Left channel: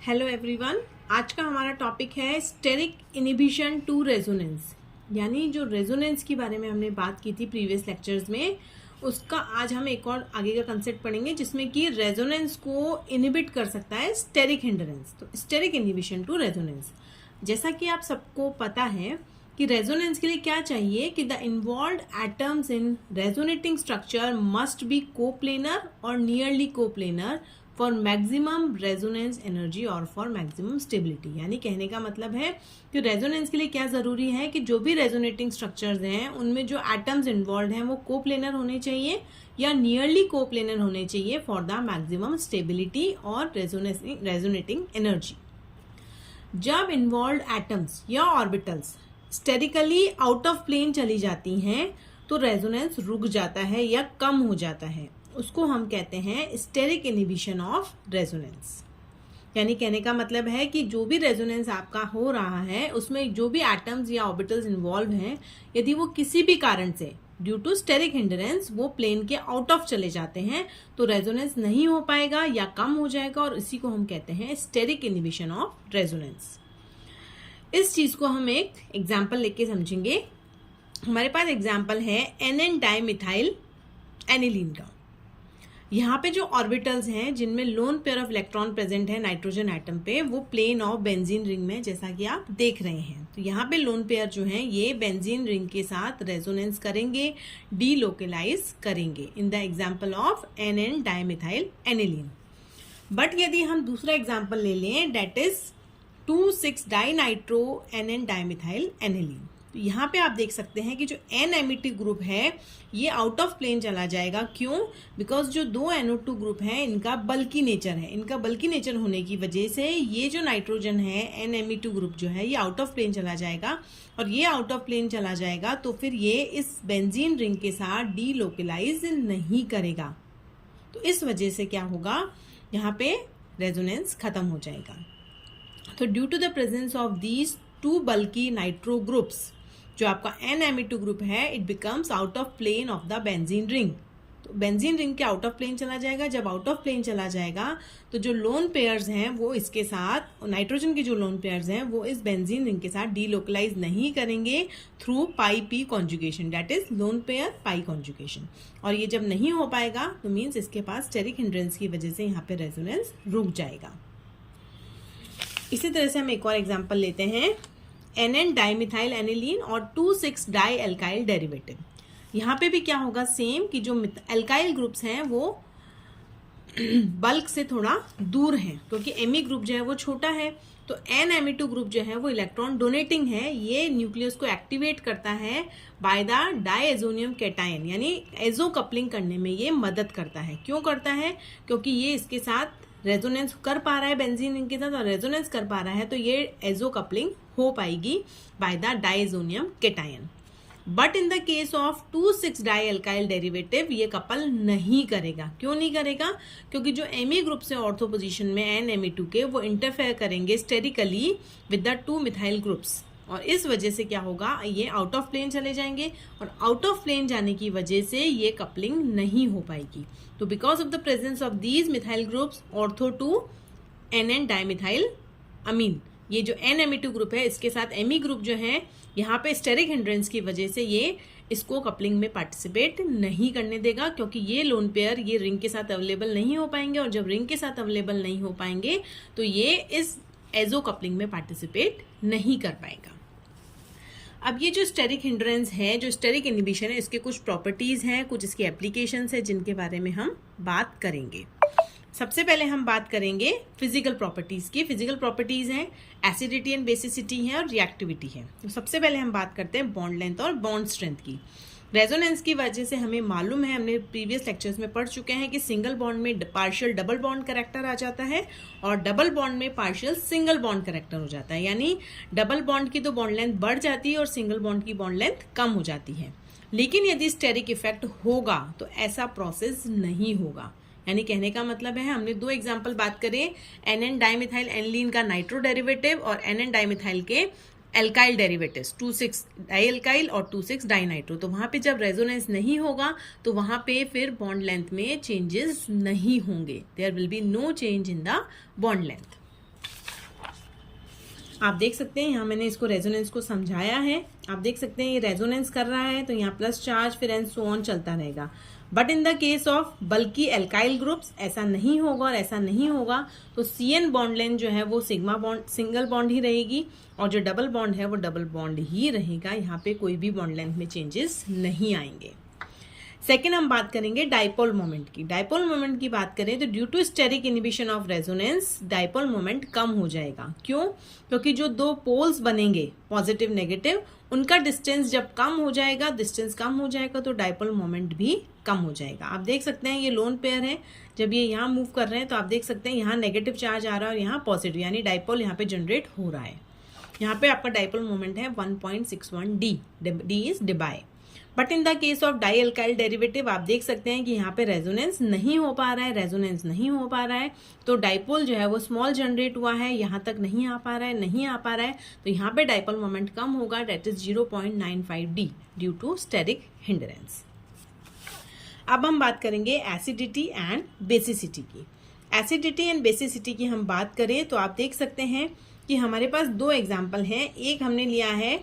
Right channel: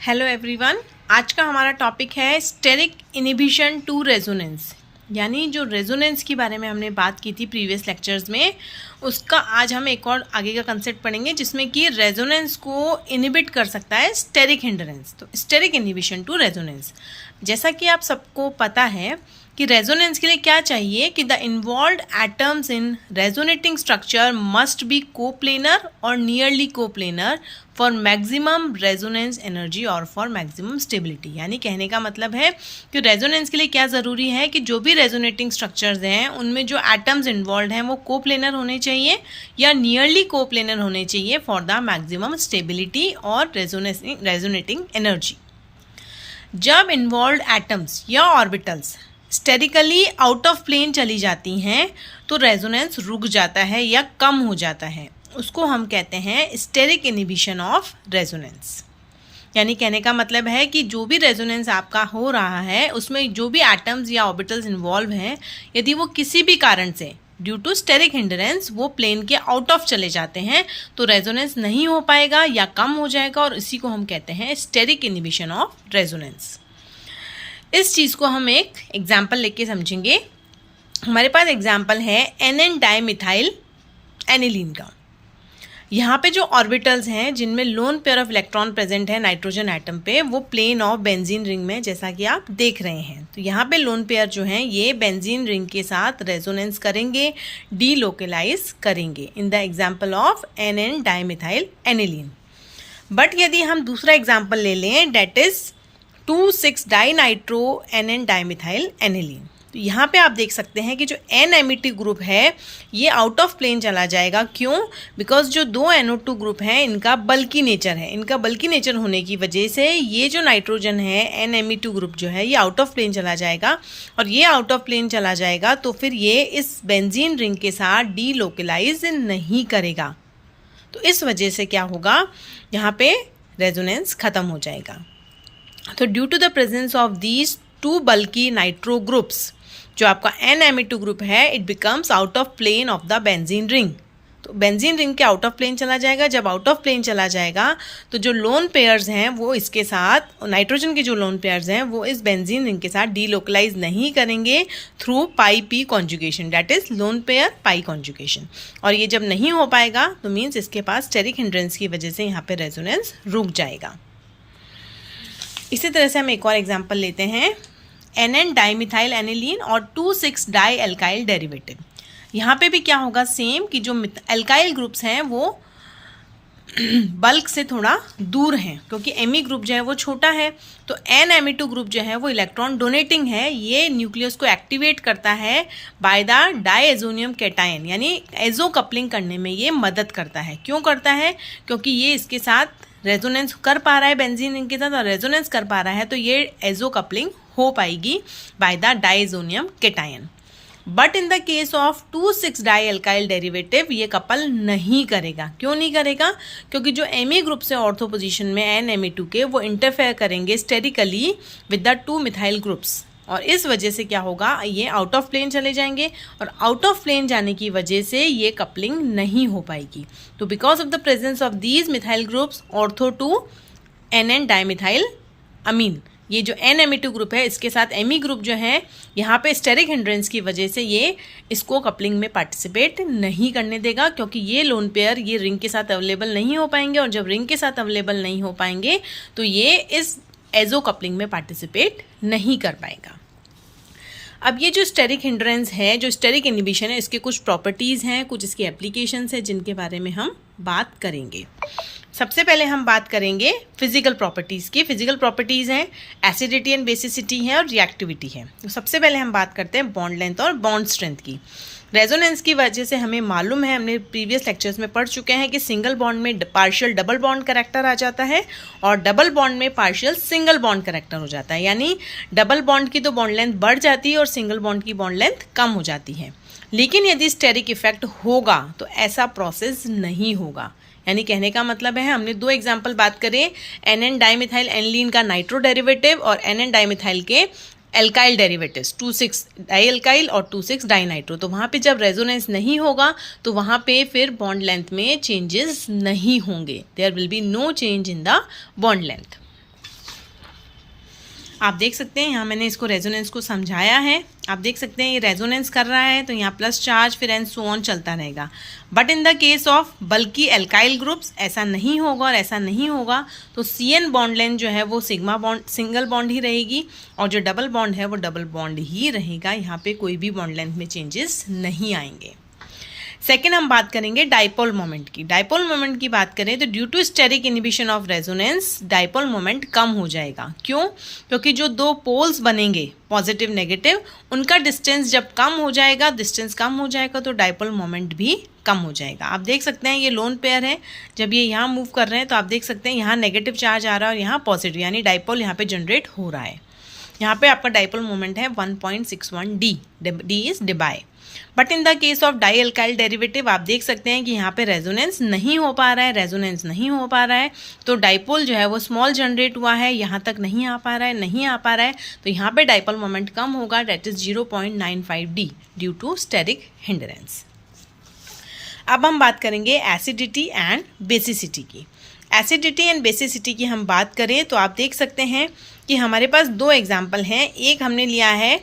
Hello everyone. आज का हमारा टॉपिक है स्टेरिक इनहिबिशन टू रेजोनेंस, यानी जो रेजोनेंस के बारे में हमने बात की थी प्रीवियस लेक्चर्स में, उसका आज हम एक और आगे का कंसेप्ट पढ़ेंगे जिसमें कि रेजोनेंस को इनहिबिट कर सकता है स्टेरिक हिंडरेंस। तो स्टेरिक इनहिबिशन टू रेजोनेंस, जैसा कि आप सबको पता है कि रेजोनेंस के लिए क्या चाहिए कि the involved atoms in resonating structure must be coplanar और nearly coplanar for maximum resonance energy और फॉर मैक्सिमम स्टेबिलिटी। यानी कहने का मतलब है कि रेजोनेंस के लिए क्या ज़रूरी है कि जो भी रेजोनेटिंग स्ट्रक्चर्स हैं उनमें जो एटम्स इन्वॉल्व हैं वो कोप्लेनर होने चाहिए या नियरली कोप्लेनर होने चाहिए फॉर द मैक्सिमम स्टेबिलिटी और रेजोनेटिंग एनर्जी। जब इन्वॉल्व्ड एटम्स या orbitals sterically out of plane चली जाती हैं तो रेजोनेंस रुक जाता है या कम हो जाता है, उसको हम कहते हैं स्टेरिक इनहिबिशन ऑफ रेजोनेंस। यानी कहने का मतलब है कि जो भी रेजोनेंस आपका हो रहा है उसमें जो भी एटम्स या ऑर्बिटल्स इन्वॉल्व हैं, यदि वो किसी भी कारण से ड्यू टू स्टेरिक हिंडरेंस वो प्लेन के आउट ऑफ चले जाते हैं तो रेजोनेंस नहीं हो पाएगा या कम हो जाएगा, और इसी को हम कहते हैं स्टेरिक इनहिबिशन ऑफ रेजोनेंस। इस चीज़ को हम एक एग्जाम्पल लेके समझेंगे। हमारे पास एग्जाम्पल है NN डाइमिथाइल एनिलीन का। यहाँ पे जो ऑर्बिटल्स हैं जिनमें lone pair of electron present है नाइट्रोजन एटम पे, वो प्लेन ऑफ बेंजीन रिंग में जैसा कि आप देख रहे हैं। तो यहाँ पे लोन पेयर जो हैं ये बेंजीन रिंग के साथ रेजोनेंस करेंगे, डीलोकलाइज करेंगे in the example of NN dimethyl aniline. But यदि हम दूसरा एग्जाम्पल ले लें that is 2,6 dinitro NN dimethyl aniline, तो यहाँ पे आप देख सकते हैं कि जो N-एमिटिव ग्रुप है ये आउट ऑफ प्लेन चला जाएगा। क्यों? बिकॉज जो दो NO2 ग्रुप हैं इनका बल्की नेचर है। इनका बल्की नेचर होने की वजह से ये जो नाइट्रोजन है N-Me2 ग्रुप जो है ये आउट ऑफ प्लेन चला जाएगा, और ये आउट ऑफ प्लेन चला जाएगा तो फिर ये इस बेंजीन रिंग के साथ डीलोकलाइज नहीं करेगा। तो इस वजह से क्या होगा, यहाँ पे रेजोनेंस खत्म हो जाएगा। तो due to the presence of these two bulky nitro groups, जो आपका N-Me2 ग्रुप है it becomes out of plane of the benzene ring. तो बेंजीन रिंग के आउट ऑफ प्लेन चला जाएगा। जब आउट ऑफ प्लेन चला जाएगा तो जो लोन पेयर्स हैं वो इसके साथ, नाइट्रोजन के जो लोन पेयर्स हैं वो इस बेंजीन रिंग के साथ डीलोकलाइज नहीं करेंगे through pi P conjugation, that is lone pair pi conjugation. और ये जब नहीं हो पाएगा तो मीन्स इसके पास स्टेरिक हिंड्रेंस की वजह से यहाँ पे रेजोनेंस रुक जाएगा। इसी तरह से हम एक और एग्जाम्पल लेते हैं NN डाइमिथाइल एनिलीन और 2,6 डाई एल्काइल डेरिवेटिव। यहाँ पे भी क्या होगा, सेम कि जो एल्काइल ग्रुप्स हैं वो बल्क से थोड़ा दूर हैं क्योंकि Me ग्रुप जो है वो छोटा है। तो N-Me2 ग्रुप जो है वो इलेक्ट्रॉन डोनेटिंग है, ये न्यूक्लियस को एक्टिवेट करता है बाय द डाईएजोनियम कैटायन, यानी एजो कपलिंग करने में ये मदद करता है। क्यों करता है? क्योंकि ये इसके साथ रेजोनेंस कर पा रहा है बेंजीन रिंग के साथ, और रेजोनेंस कर पा रहा है तो ये एजो कपलिंग हो पाएगी by the diazonium cation. But in the case of 2,6 di alkyl derivative ये कपल नहीं करेगा। क्यों नहीं करेगा? क्योंकि जो Me ग्रुप से ऑर्थो पोजीशन में N-Me2 के वो इंटरफेयर करेंगे sterically with the 2 methyl groups, और इस वजह से क्या होगा, ये आउट ऑफ प्लेन चले जाएंगे, और आउट ऑफ प्लेन जाने की वजह से ये कपलिंग नहीं हो पाएगी। तो because of the presence of these methyl groups ortho to NN dimethyl amine, ये जो N-Me2 ग्रुप है इसके साथ Me ग्रुप जो है यहाँ पे स्टेरिक हिंड्रेंस की वजह से ये इसको कपलिंग में पार्टिसिपेट नहीं करने देगा, क्योंकि ये लोन पेयर ये रिंग के साथ अवेलेबल नहीं हो पाएंगे, और जब रिंग के साथ अवेलेबल नहीं हो पाएंगे तो ये इस एजो कपलिंग में पार्टिसिपेट नहीं कर पाएगा। अब ये जो स्टेरिक हिंड्रेंस है, जो स्टेरिक इनहिबिशन है, इसके कुछ प्रॉपर्टीज़ हैं, कुछ इसकी एप्लीकेशंस हैं जिनके बारे में हम बात करेंगे। सबसे पहले हम बात करेंगे फिजिकल प्रॉपर्टीज़ की। फिजिकल प्रॉपर्टीज़ हैं एसिडिटी एंड बेसिसिटी है और रिएक्टिविटी है। तो सबसे पहले हम बात करते हैं बॉन्ड लेंथ और बॉन्ड स्ट्रेंथ की। रेजोनेंस की वजह से हमें मालूम है, हमने प्रीवियस लेक्चर्स में पढ़ चुके हैं कि सिंगल बॉन्ड में पार्शियल डबल बॉन्ड करेक्टर आ जाता है और डबल बॉन्ड में पार्शियल सिंगल बॉन्ड करेक्टर हो जाता है। यानी डबल बॉन्ड की तो बॉन्ड लेंथ बढ़ जाती है और सिंगल बॉन्ड की बॉन्ड लेंथ कम हो जाती है। लेकिन यदि स्टेरिक इफेक्ट होगा तो ऐसा प्रोसेस नहीं होगा। यानी कहने का मतलब है, हमने दो एग्जाम्पल बात करें NN डाइमिथाइल एनिलीन का नाइट्रो डेरिवेटिव और NN डाइमिथाइल के एल्काइल डेरिवेटिव्स 2,6 डाई एल्काइल और 2,6 डाई नाइट्रो। तो वहाँ पे जब रेजोनेंस नहीं होगा तो वहाँ पे फिर बॉन्ड लेंथ में चेंजेस नहीं होंगे, there will be no change in the bond length. आप देख सकते हैं यहाँ मैंने इसको रेजोनेंस को समझाया है। आप देख सकते हैं ये रेजोनेंस कर रहा है तो यहाँ प्लस चार्ज फिर एंड सो ऑन चलता रहेगा। But in the case of बल्कि एल्काइल ग्रुप्स ऐसा नहीं होगा और ऐसा नहीं होगा। तो CN बॉन्ड लेंथ जो है वो सिग्मा बॉन्ड सिंगल बॉन्ड ही रहेगी और जो डबल बॉन्ड है वो डबल बॉन्ड ही रहेगा। यहाँ पे कोई भी बॉन्ड लेंथ में चेंजेस नहीं आएंगे। सेकेंड हम बात करेंगे डाइपोल मोमेंट की। डाइपोल मोमेंट की बात करें तो due to steric inhibition of resonance dipole moment कम हो जाएगा। क्यों? क्योंकि जो दो पोल्स बनेंगे पॉजिटिव नेगेटिव उनका डिस्टेंस जब कम हो जाएगा, डिस्टेंस कम हो जाएगा तो डाइपोल मोमेंट भी कम हो जाएगा। आप देख सकते हैं ये लोन पेयर है, जब ये यहाँ मूव कर रहे हैं तो आप देख सकते हैं यहाँ नेगेटिव चार्ज आ रहा है और यहाँ पॉजिटिव, यानी डाइपोल यहाँ पे जनरेट हो रहा है। यहाँ पे आपका डाइपोल मोमेंट है 1.61 D। D is Debye. But in the case of dialkyl derivative आप देख सकते हैं कि यहाँ पे रेजोनेंस नहीं हो पा रहा है, रेजोनेंस नहीं हो पा रहा है तो डाइपोल जो है वो स्मॉल जनरेट हुआ है, यहाँ तक नहीं आ पा रहा है, नहीं आ पा रहा है तो यहाँ पे डाइपोल मोमेंट कम होगा, that is 0.95 D due to steric hindrance. अब हम बात करेंगे एसिडिटी एंड बेसिसिटी की। एसिडिटी एंड बेसिसिटी की हम बात करें तो आप देख सकते हैं कि हमारे पास दो एग्जाम्पल हैं। एक हमने लिया है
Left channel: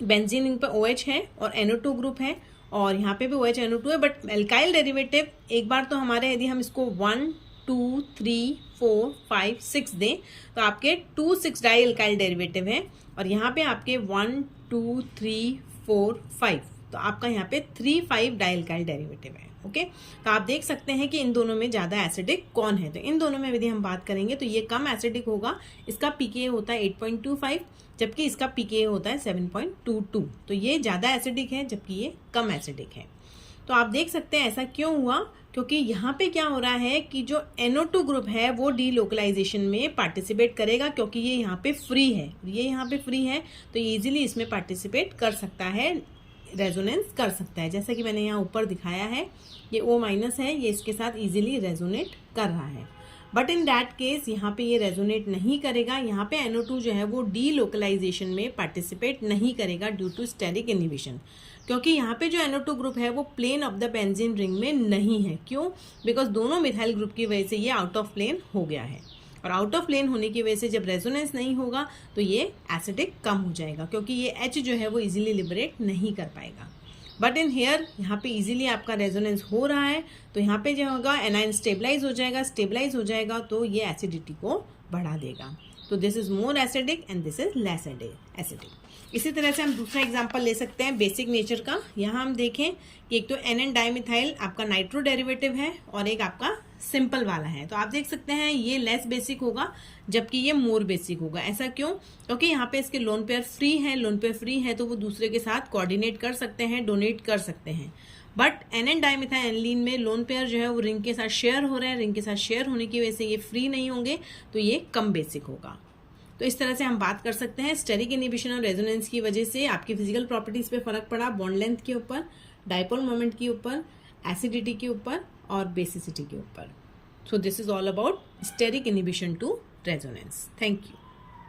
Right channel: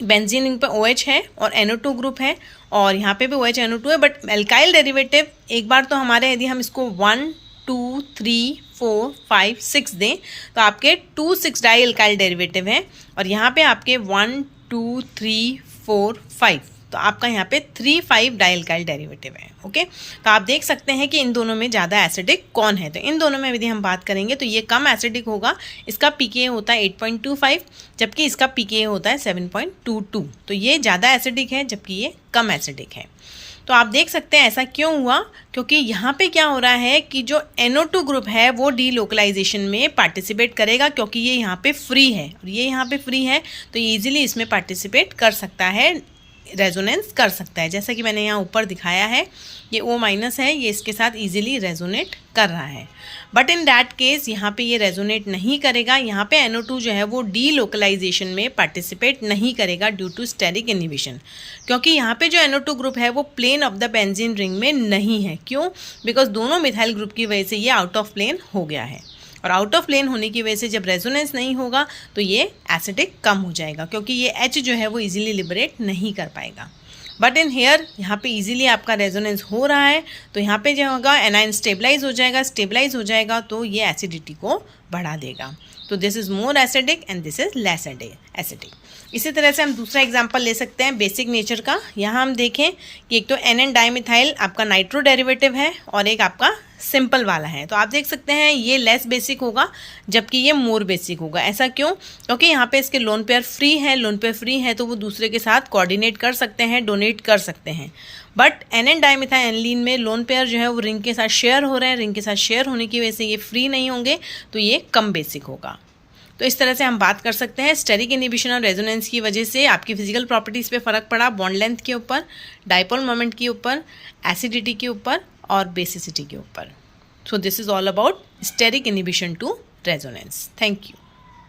बेंजीन पे OH है और NO2 ग्रुप है और यहाँ पे भी OH NO2 है, बट एल्काइल डेरिवेटिव एक बार तो हमारे यदि हम इसको 1 2 3 4 5 6 दें तो आपके 2 6 डाई एल्काइल डेरिवेटिव हैं और यहाँ पे आपके 1 2 3 4 5 तो आपका यहाँ पे 3 5 डाई एल्काइल डेरिवेटिव है। ओके, तो आप देख सकते हैं कि इन दोनों में ज़्यादा एसिडिक कौन है। तो इन दोनों में यदि हम बात करेंगे तो ये कम एसिडिक होगा, इसका pKa होता है 8.25 जबकि इसका pKa होता है 7.22। तो ये ज़्यादा एसिडिक है जबकि ये कम एसिडिक है। तो आप देख सकते हैं ऐसा क्यों हुआ, क्योंकि यहाँ पे क्या हो रहा है कि जो NO2 ग्रुप है वो डीलोकलाइजेशन में पार्टिसिपेट करेगा क्योंकि ये यहाँ पे फ्री है और ये यहाँ पे फ्री है तो ये ईजिली इसमें पार्टिसिपेट कर सकता है, रेजोनेंस कर सकता है। जैसा कि मैंने यहाँ ऊपर दिखाया है ये O- है, ये इसके साथ इजीली रेजोनेट कर रहा है। बट इन दैट केस यहाँ पे ये रेजोनेट नहीं करेगा, यहाँ पे NO2 जो है वो डीलोकलाइजेशन में पार्टिसिपेट नहीं करेगा ड्यू टू स्टेरिक इनिबिशन, क्योंकि यहाँ पे जो NO2 ग्रुप है वो plane of the benzene ring में नहीं है। क्यों? बिकॉज दोनों मिथाइल ग्रुप की वजह से ये आउट ऑफ प्लेन हो गया है और आउट ऑफ प्लेन होने की वजह से जब रेजोनेंस नहीं होगा तो ये एसिडिक कम हो जाएगा क्योंकि ये H जो है वो इजीली लिबरेट नहीं कर पाएगा। बट इन हेयर यहाँ पे इजीली आपका रेजोनेंस हो रहा है तो यहाँ पे जो होगा एनायन स्टेबलाइज हो जाएगा, स्टेबलाइज हो जाएगा तो ये एसिडिटी को बढ़ा देगा। तो this is more acidic and this is less acidic. इसी तरह से हम दूसरा एग्जांपल ले सकते हैं बेसिक नेचर का। यहाँ हम देखें कि एक तो NN डाइमिथाइल आपका नाइट्रो डेरिवेटिव है और एक आपका सिंपल वाला है। तो आप देख सकते हैं ये लेस बेसिक होगा जबकि ये मोर बेसिक होगा। ऐसा क्यों? क्योंकि यहाँ पे इसके लोन पेयर फ्री है, लोन पेयर फ्री है तो वो दूसरे के साथ कोऑर्डिनेट कर सकते हैं, डोनेट कर सकते हैं। बट NN डाइमिथाइल एनिलीन में लोन पेयर जो है वो रिंग के साथ शेयर हो रहे हैं, रिंग के साथ शेयर होने की वजह से ये फ्री नहीं होंगे तो ये कम बेसिक होगा। तो इस तरह से हम बात कर सकते हैं स्टेरिक इनिबिशन और रेजोनेंस की वजह से आपकी फिजिकल प्रॉपर्टीज़ पे फ़र्क पड़ा, बॉन्ड लेंथ के ऊपर, डाइपोल मोमेंट के ऊपर, एसिडिटी के ऊपर और बेसिसिटी के ऊपर। So this is all about steric inhibition to resonance. Thank you.